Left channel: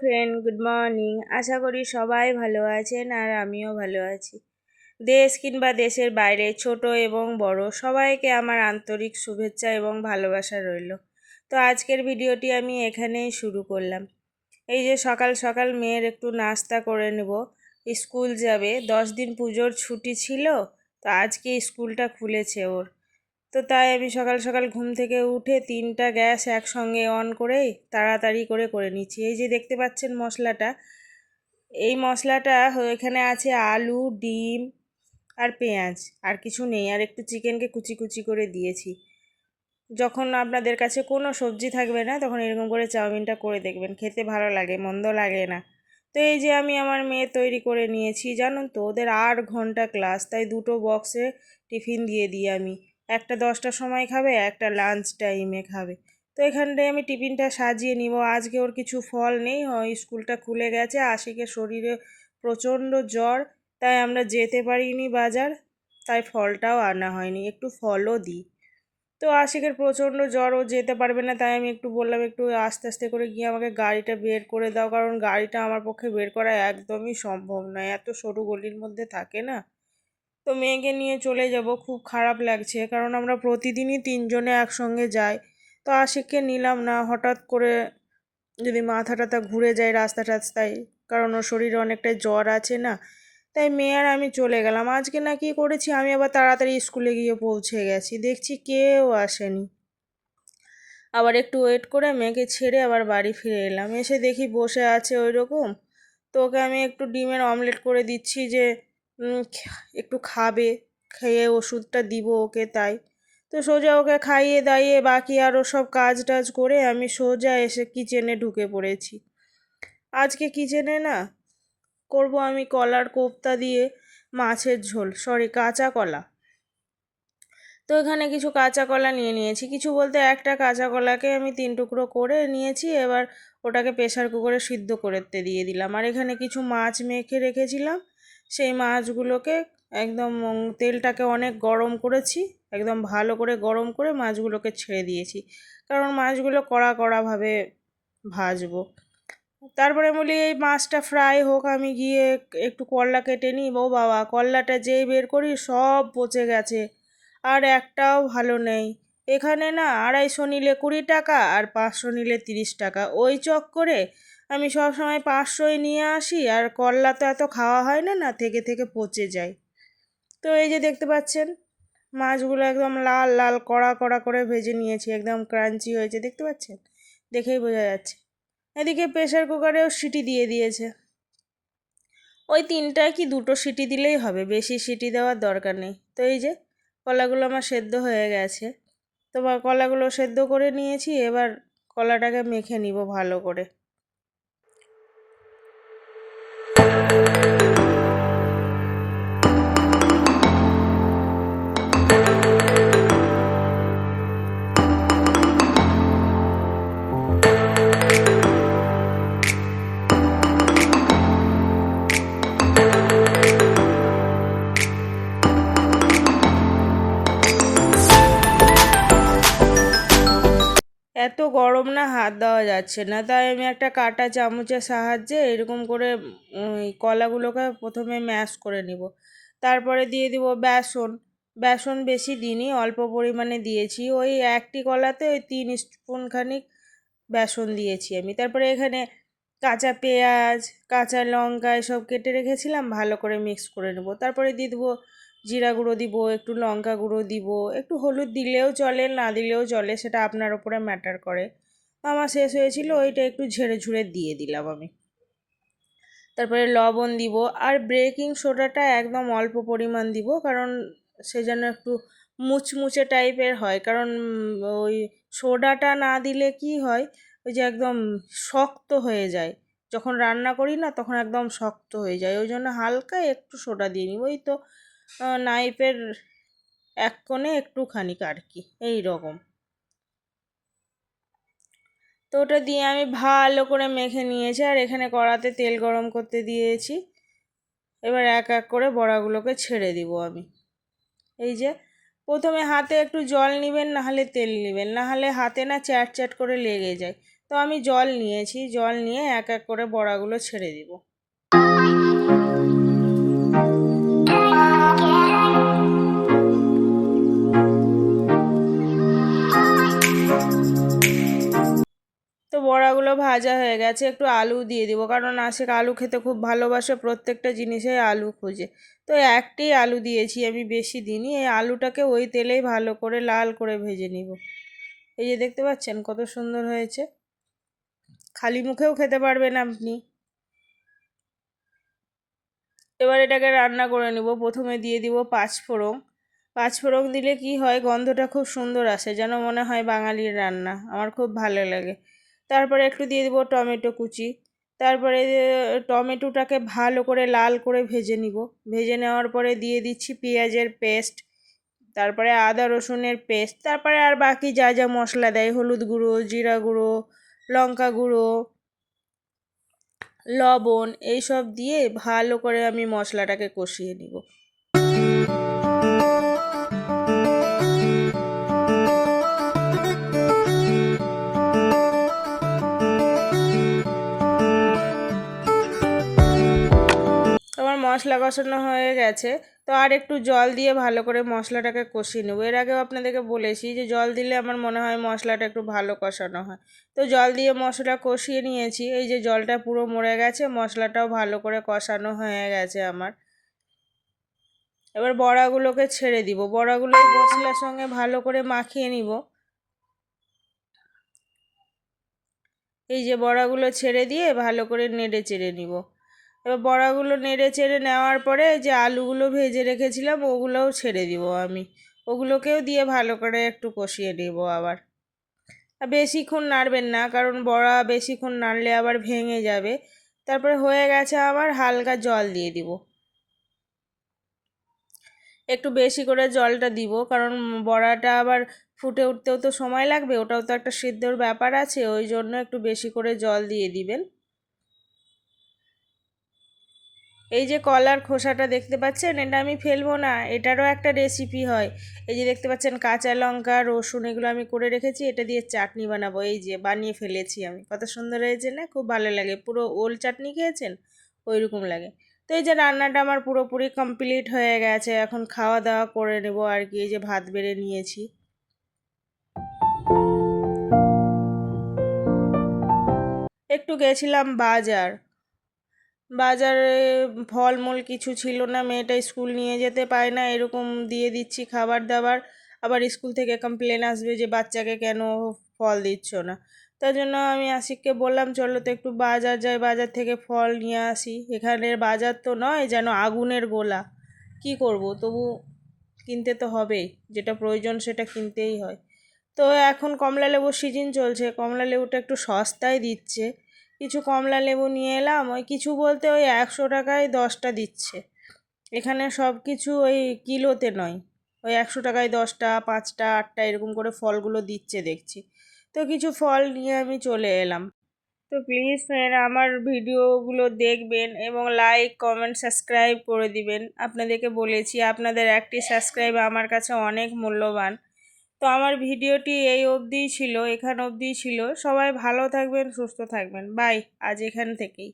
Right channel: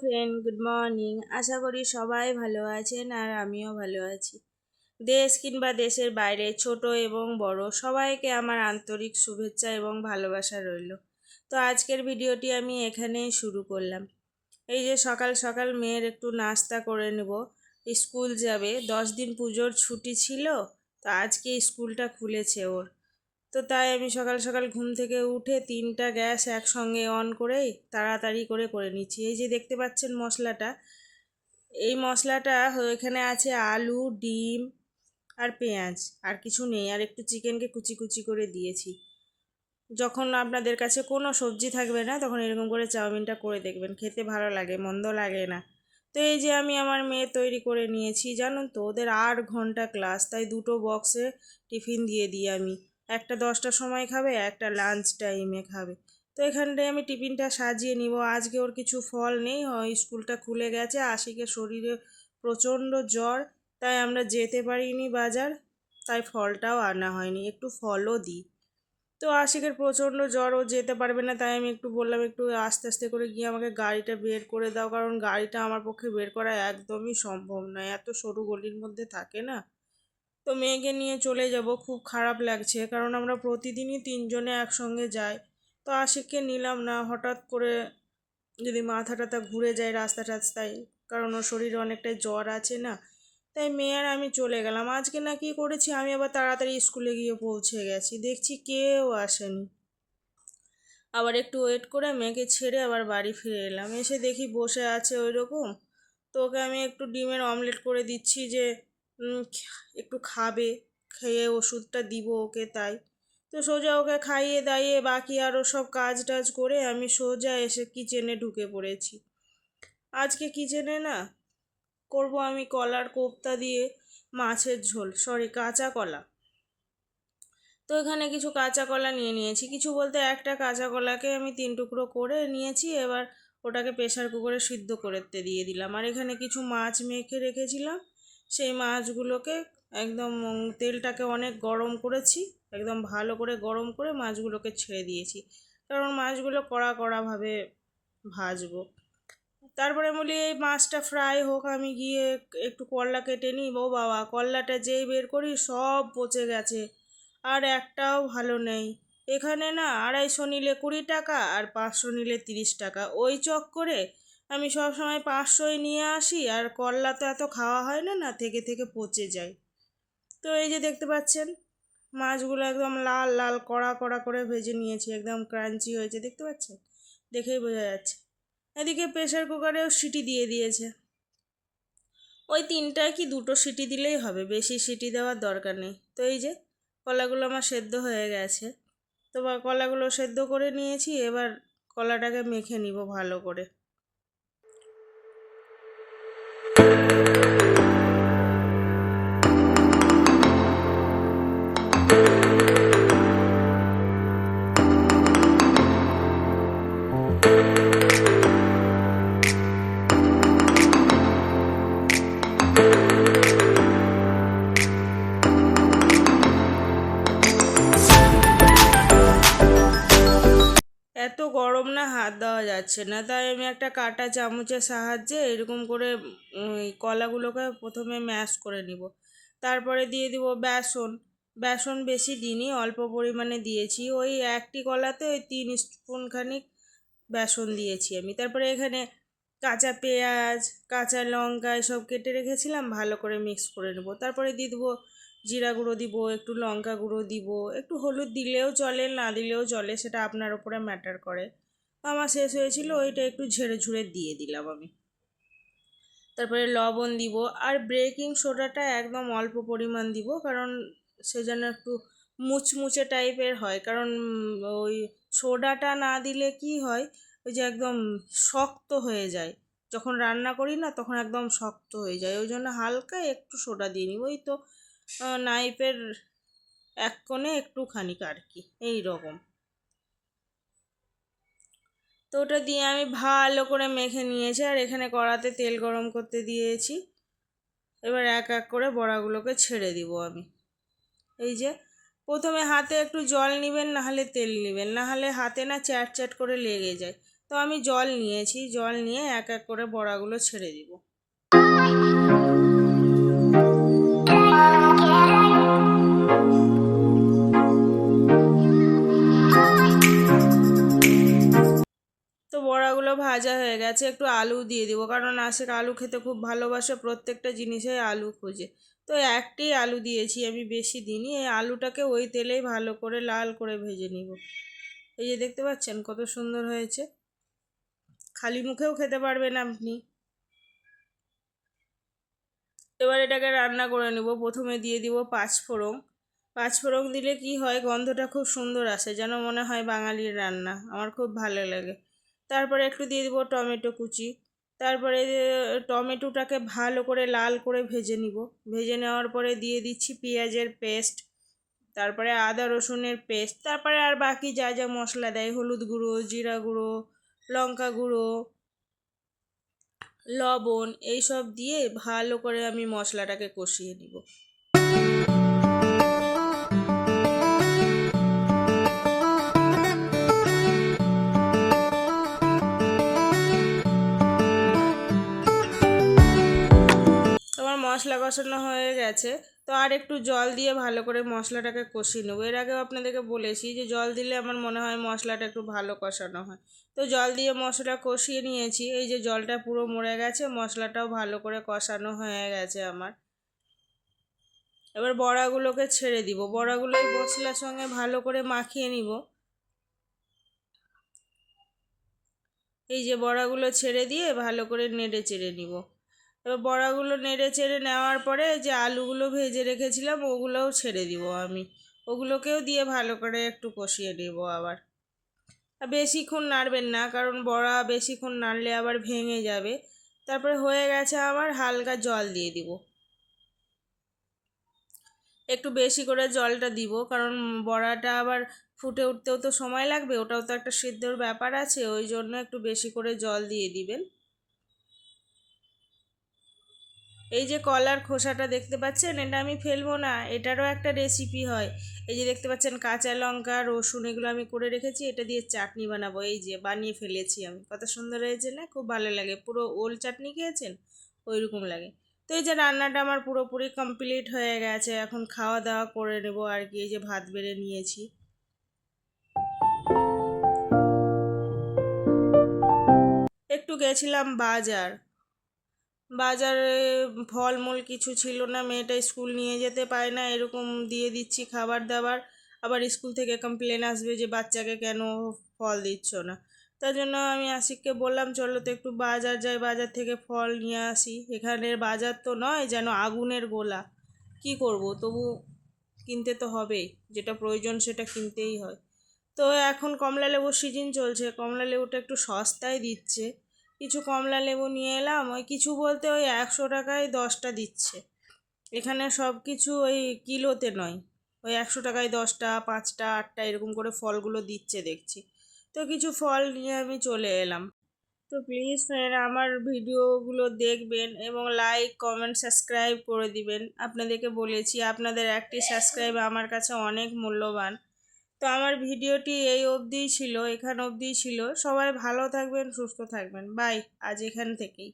Friend good morning আশা করি সবাই ভালো আছেন আর আমিও ভালো আছি। দেশ কিংবা দেশের বাইরে ছোট এবং বড় সবাইকে আমার আন্তরিক শুভেচ্ছা এবং ভালোবাসা রইল। তো আজকের ভিডিওটি আমি এখানেই শুরু করলাম। এই যে সকাল সকাল মেয়ের একটু নাস্তা করে নেব। স্কুল যাবে। দশ দিন পুজোর ছুটি ছিল, তো আজকে স্কুলটা খুলেছে ওর। তো তাই আমি সকাল সকাল ঘুম থেকে উঠে তিনটা গ্যাস একসঙ্গে অন করেই তাড়াতাড়ি করে করে নিচ্ছি। এই যে দেখতে পাচ্ছেন মশলাটা, এই মশলাটা এখানে আছে আলু, ডিম আর পেঁয়াজ, আর কিছু নেই, আর একটু চিকেনকে কুচি কুচি করে দিয়েছি। যখন আপনাদের কাছে কোনো সবজি থাকবে না, তখন এরকম করে চাউমিনটা করে দেখবেন, খেতে ভালো লাগে, মন্দ লাগে না। তো এই যে আমি আমার মেয়ে তৈরি করে নিয়েছি, জানুন তো, ওদের আট ঘণ্টা ক্লাস, তাই দুটো বক্সে টিফিন দিয়ে দিই আমি। একটা দশটার সময় খাবে, একটা লাঞ্চ টাইমে খাবে। তো এখানটায় আমি টিফিনটা সাজিয়ে নিব। আজকে ওর কিছু ফল নেই স্কুলটা খুলে গেছে, আশিকের শরীরে প্রচণ্ড জ্বর, তাই আমরা যেতে পারিনি বাজার, তাই ফলটাও আনা হয়নি, একটু ফলও দিই। তো আশিকের প্রচণ্ড জ্বর, ও যেতে পারবে না, তাই আমি একটু বললাম, একটু আস্তে আস্তে করে গিয়ে আমাকে গাড়িটা বের করে দাও, কারণ গাড়িটা আমার পক্ষে বের করা একদমই সম্ভব নয়, এত সরু গলির মধ্যে থাকে না। তো মেয়েকে নিয়ে চলে যাব, খুব খারাপ লাগছে। কারণ আমরা প্রতিদিনই তিনজনে একসঙ্গে যাই। তো আশিককে নিলাম না, হঠাৎ করে যদি মাথা টাথা ঘুরে যায় রাস্তা টাস্তায়, কারণ ওর শরীরে অনেকটাই জ্বর আছে না, তাই মেয়ে আর আমি চলে গেলাম। আজকে না কি করেছি, আমি আবার তাড়াতাড়ি স্কুলে গিয়ে পৌঁছে গেছি। দেখছি কেউ আসেনি। আবার একটু ওয়েট করে মেয়েকে ছেড়ে আবার বাড়ি ফিরে এলাম। এসে দেখি বসে আছে ওই রকম তো ওকে আমি একটু ডিমের অমলেট করে দিচ্ছি যে একটু খাবে, খেয়ে ওষুধটা দিব ওকে তাই। তো সোজা ওকে খাইয়ে দাইয়ে বাকি আরও সব কাজ টাজ করে আমি সোজা এসে কিচেনে ঢুকে পড়েছি। আজকে কিচেনে না, করব আমি কলার কোপ্তা দিয়ে মাছের ঝোল সরি কাঁচা কলা। তো এখানে কিছু কাঁচা কলা নিয়ে নিয়েছি। কিছু বলতে একটা কাঁচা কলাকে আমি তিন টুকরো করে নিয়েছি, এবার ওটাকে প্রেশার কুকারে সিদ্ধ করতে দিয়ে দিলাম। আর এখানে কিছু মাছ মেখে রেখেছিলাম। সেই মাছগুলোকে একদম তেলটাকে অনেক গরম করেছি, একদম ভালো করে গরম করে মাছগুলোকে ছেড়ে দিয়েছি। কারণ মাছগুলো কড়া কড়াভাবে ভাজবো। তারপরে বলি, এই মাছটা ফ্রাই হোক, আমি গিয়ে একটু করলা কেটে নিই ও বাবা, করলাটা যেই বের করি সব পচে গেছে, আর একটাও ভালো নেই। এখানে না আড়াইশো নিলে কুড়ি টাকা আর পাঁচশো নিলে তিরিশ টাকা। ওই চক করে আমি সব সময় পাঁচশোই নিয়ে আসি আর করলা তো এত খাওয়া হয় না না থেকে থেকে পচে যায়। তো এই যে দেখতে পাচ্ছেন, মাছগুলো একদম লাল লাল, কড়া কড়া করে ভেজে নিয়েছি, একদম ক্রাঞ্চি হয়েছে, দেখতে পাচ্ছেন? দেখেই বোঝা যাচ্ছে। এদিকে প্রেশার কুকারেও সিটি দিয়ে দিয়েছে। ওই তিনটায় কি দুটো সিটি দিলেই হবে, বেশি সিটি দেওয়ার দরকার নেই। তো এই যে কলাগুলো আমার সেদ্ধ হয়ে গেছে। তো কলাগুলো সেদ্ধ করে নিয়েছি, এবার কলাটাকে মেখে নিব ভালো করে। এত গরম না হাত দেওয়া যাচ্ছে না। তাই আমি একটা কাটা চামচের সাহায্যে এরকম করে ওই কলাগুলোকে প্রথমে ম্যাশ করে নিব। তারপরে দিয়ে দিব বেসন। বেসন বেশি দিইনি, অল্প পরিমাণে দিয়েছি। ওই একটি কলাতে ওই তিন স্পুন খানিক বেসন দিয়েছি আমি। তারপরে এখানে কাঁচা পেঁয়াজ, কাঁচা লঙ্কা এসব কেটে রেখেছিলাম, ভালো করে মিক্স করে নেব। তারপরে দিয়ে দেবো জিরা গুঁড়ো দিব, একটু লঙ্কা গুঁড়ো দিব, একটু হলুদ দিলেও চলে, না দিলেও চলে, সেটা আপনার ওপরে ম্যাটার করে। আমার শেষ হয়েছিল, ওইটা একটু ঝেড়ে ঝুড়ে দিয়ে দিলাম আমি। তারপরে লবণ দিব, আর বেকিং সোডাটা একদম অল্প পরিমাণ দিব, কারণ সে যেন একটু মুচমুচে টাইপের হয়, কারণ ওই সোডাটা না দিলে কি হয়, ওই যে একদম শক্ত হয়ে যায়। যখন রান্না করি না, তখন একদম শক্ত হয়ে যায়, ওই জন্য হালকা একটু সোডা দিয়ে নিব ওই তো নাইফের এক কোণে একটুখানি আর কি, এই রকম। তো ওটা দিয়ে আমি ভালো করে মেখে নিয়েছি, আর এখানে কড়াতে তেল গরম করতে দিয়েছি। এবার এক এক করে বড়াগুলোকে ছেড়ে দিব আমি। এই যে, প্রথমে হাতে একটু জল নেবেন নাহলে তেল নেবেন নাহলে হাতে না চ্যাট চ্যাট করে লেগে যায়। তো আমি জল নিয়েছি, জল নিয়ে এক এক করে বড়াগুলো ছেড়ে দিব। তো বড়াগুলো ভাজা হয়ে গেছে, একটু আলু দিয়ে দিব। কারণ আশিক আলু খেতে খুব ভালোবাসে, প্রত্যেকটা জিনিসে আলু খোঁজে। তো একটি আলু দিয়েছি আমি বেশি দিনই এই আলুটাকে ওই তেলেই ভালো করে লাল করে ভেজে নিব। এই যে দেখতে পাচ্ছেন কত সুন্দর হয়েছে। খালি মুখেও খেতে পারবেন আপনি। এবার এটাকে রান্না করে নেব। প্রথমে দিয়ে দিব পাঁচফোড়ন। পাঁচফোড়ন দিলে কি হয়, গন্ধটা খুব সুন্দর আসে, যেন মনে হয় বাঙালির রান্না। আমার খুব ভালো লাগে। তারপরে একটু দিয়ে দেবো টমেটো কুচি। তারপরে টমেটোটাকে ভালো করে লাল করে ভেজে নিব। ভেজে নেওয়ার পরে দিয়ে দিচ্ছি পেঁয়াজের পেস্ট, তারপরে আদা রসুনের পেস্ট, তারপরে আর বাকি যা যা মশলা দেয়, হলুদ গুঁড়ো, জিরা গুঁড়ো, লঙ্কা গুঁড়ো, লবণ, এইসব দিয়ে ভালো করে আমি মশলাটাকে কষিয়ে নিব। মশলা কষানো হয়ে গেছে, তো আর একটু জল দিয়ে ভালো করে মশলাটাকে কষিয়ে নেব। এর আগেও আপনাদেরকে বলেছি যে জল দিলে আমার মনে হয় মশলাটা একটু ভালো কষানো হয়। তো জল দিয়ে মশলা কষিয়ে নিয়েছি, এই যে জলটা পুরো মরে গেছে, মশলাটাও ভালো করে কষানো হয়ে গেছে আমার। এবার বড়াগুলোকে ছেড়ে দিব, বড়াগুলো মশলার সঙ্গে ভালো করে মাখিয়ে নিব। এই যে বড়াগুলো ছেড়ে দিয়ে ভালো করে নেড়ে চেড়ে নিব। এবার বড়াগুলো নেড়ে চেড়ে নেওয়ার পরে যে আলুগুলো ভেজে রেখেছিলাম, ওগুলোও ছেড়ে দিব আমি। ওগুলোকেও দিয়ে ভালো করে একটু কষিয়ে নেব আবার। বেশিক্ষণ নাড়বেন না, কারণ বড়া বেশিক্ষণ নাড়লে আবার ভেঙে যাবে। তারপরে হয়ে গেছে আমার হালকা জল দিয়ে দিব। একটু বেশি করে জলটা দিব, কারণ বড়াটা আবার ফুটে উঠতেও তো সময় লাগবে, ওটাও তো একটা সিদ্ধর ব্যাপার আছে, ওই জন্য একটু বেশি করে জল দিয়ে দিবেন। এই যে কলার খোসাটা দেখতে পাচ্ছেন, এটা আমি ফেলব না, এটারও একটা রেসিপি হয়। এই যে দেখতে পাচ্ছেন, কাঁচা লঙ্কা, রসুন, এগুলো আমি করে রেখেছি, এটা দিয়ে চাটনি বানাবো, এই যে বানিয়ে ফেলেছি আমি। কত সুন্দর হয়েছে না, খুব ভালো লাগে, পুরো ওল চাটনি খেয়েছেন? ওই রকম লাগে। তো এই যে রান্নাটা আমার পুরোপুরি কমপ্লিট হয়ে গেছে, এখন খাওয়া দাওয়া করে নেব আর কি, এই যে ভাত বেড়ে নিয়েছি। একটু গেছিলাম বাজার বাজারে ফলমূল কিছু ছিল না, মেয়েটা স্কুল নিয়ে যেতে পায় না, এরকম দিয়ে দিচ্ছি খাবার দাবার। আবার স্কুল থেকে কমপ্লেন আসবে যে বাচ্চাকে কেন ফল দিচ্ছ না। তার জন্য আমি আশিককে বললাম, চলো তো একটু বাজার যাই, বাজার থেকে ফল নিয়ে আসি। এখানের বাজার তো নয়, যেন আগুনের গোলা। কি করব? তবু কিনতে তো হবেই, যেটা প্রয়োজন সেটা কিনতেই হয়। তো এখন কমলা লেবুর সিজন চলছে, কমলা লেবুটা একটু সস্তায় দিচ্ছে। কিছু কমলা লেবু নিয়ে এলাম, ওই কিছু বলতে ওই একশো টাকায় দশটা দিচ্ছে। এখানে সব কিছু ওই কিলোতে নয়, ওই একশো টাকায় দশটা, পাঁচটা, আটটা এরকম করে ফলগুলো দিচ্ছে দেখছি। তো কিছু ফল নিয়ে আমি চলে এলাম। তো প্লিজ ফ্রেন্ড, আমার ভিডিওগুলো দেখবেন এবং লাইক, কমেন্ট, সাবস্ক্রাইব করে দিবেন। আপনাদেরকে বলেছি, আপনাদের একটি সাবস্ক্রাইব আমার কাছে অনেক মূল্যবান। তো আমার ভিডিওটি এই অবধিই ছিল, এখান অবধিই ছিল। সবাই ভালো থাকবেন, সুস্থ থাকবেন। বাই, আজ এখান থেকেই।